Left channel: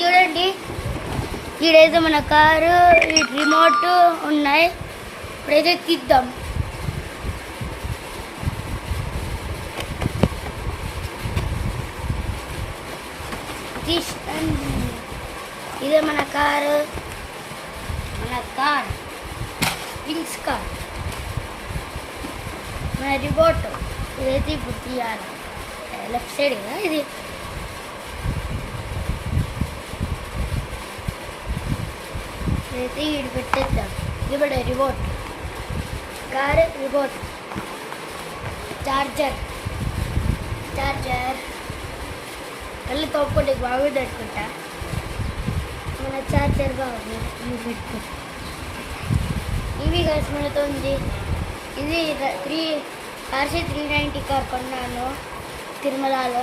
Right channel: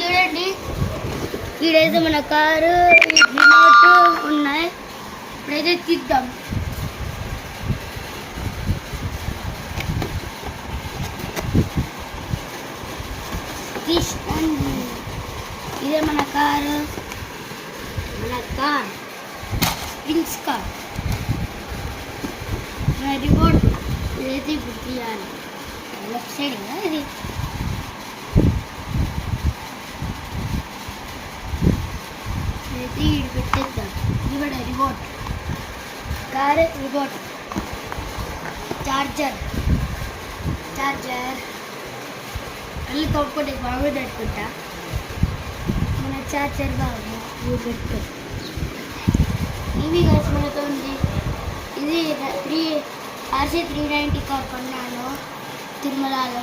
చూడండి, ఇక్కడైతే మన కారు రిమోట్ ఉన్నాయి. ఇప్పుడైతే తీద్దాం. ఇదే మన కారు, వింగ్స్ కార్, మన రిమోట్. ఇదైతే ఇప్పుడు తీయాలి. లెఫ్ట్ సైడ్ కదా ఇది. ఇదైతే ఇది పెట్టేద్దాం. ఇది కూడా రిమోట్ కారు, రిమోట్, చార్జర్ కళ్ళు తోపుకుంటే బాగుంది అనుకుంటా. మన చార్జర్ బాగుంది. ఇవి కలిసి మనతో ఉంది. ఇది RC 390 కార్ కొన్నాను తిరుమలలో.